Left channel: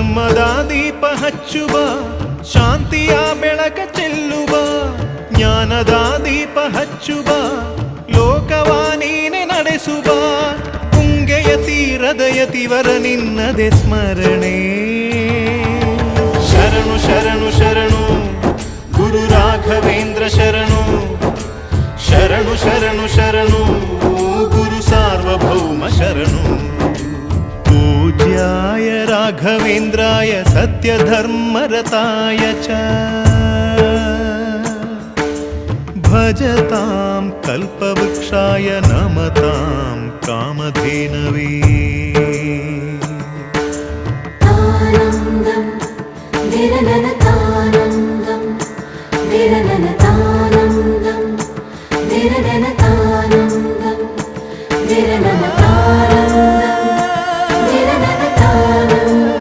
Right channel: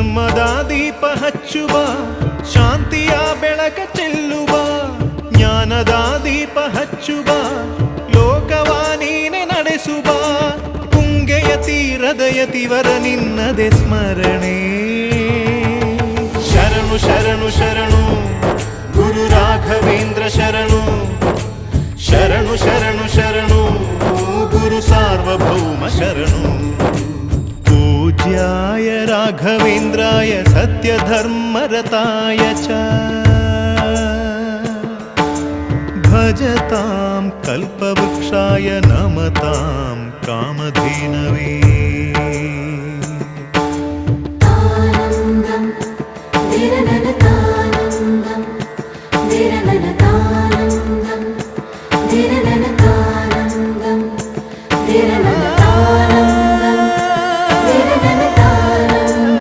ಧರ್ಮದ ದೀಪ ಹಚ್ಚುವ, ಶಾಂತಿಯ ಬೆಳಕ ಚೆಲ್ಲುವ, ಜ್ಞಾನದ ದೀಪ ಹಚ್ಚುವ, ಲೋಕವ ನೀನೆ ನಡೆಸುವ, ತುಂಗೆಯ ತೀರದ ಯತಿವರ ನಿನ್ನದೆ ಸ್ಮರಣೆ. ಶರಣು ಶರಣು ಶರಣು ಗುರು ರಾಘವೇಂದ್ರ ಶರಣು, ಶರಣು ಶರಣು ಶರಣು ಗುರು ಸಾರ್ವಭೌಮ ಶರಣು. पूज्याय राघवेन्द्राय सत्यधर्मरताय च भजतां कल्पवृक्षाय नमतां कामधेनवे. आनन्दं निरनन